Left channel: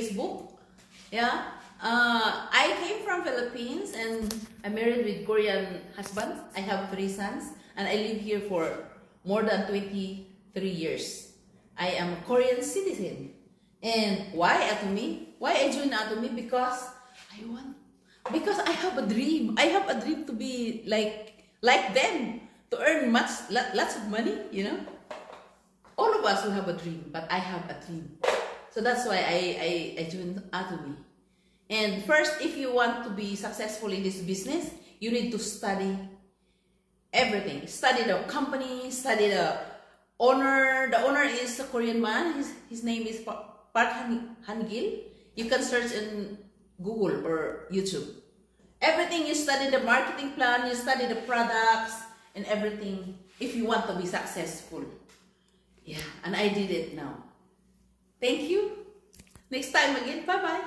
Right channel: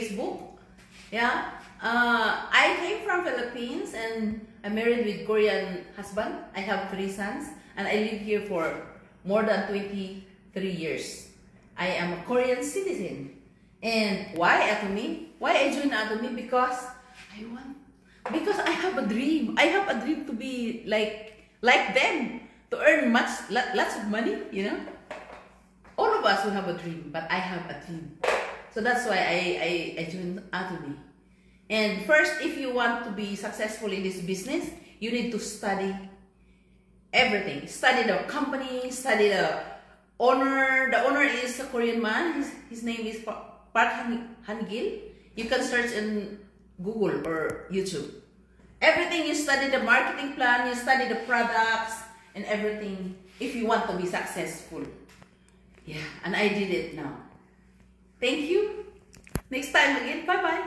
Facebook. Yeah. I came from Philippines and I'm married with Korean husband. I have 3 sons and I live here for more than 23 years. I am a Korean citizen. And why Atomy? Why I joined Atomy? Because I have a dream. I have a dream to be like them, to earn lots of money, you know. All of us will have a dream, but I have a dream. So that's why I joined Atomy. And first, if you want to be successful in this business, you need to study everything. Study the company, study the owner. The owner is a Korean man. His name is Park Han-gil. You can search in Google or YouTube. Everything, you study the marketing plan, you study the products and everything if you want to be successful. Yeah, and I did it now. Thank you. Next time again. Bye-bye.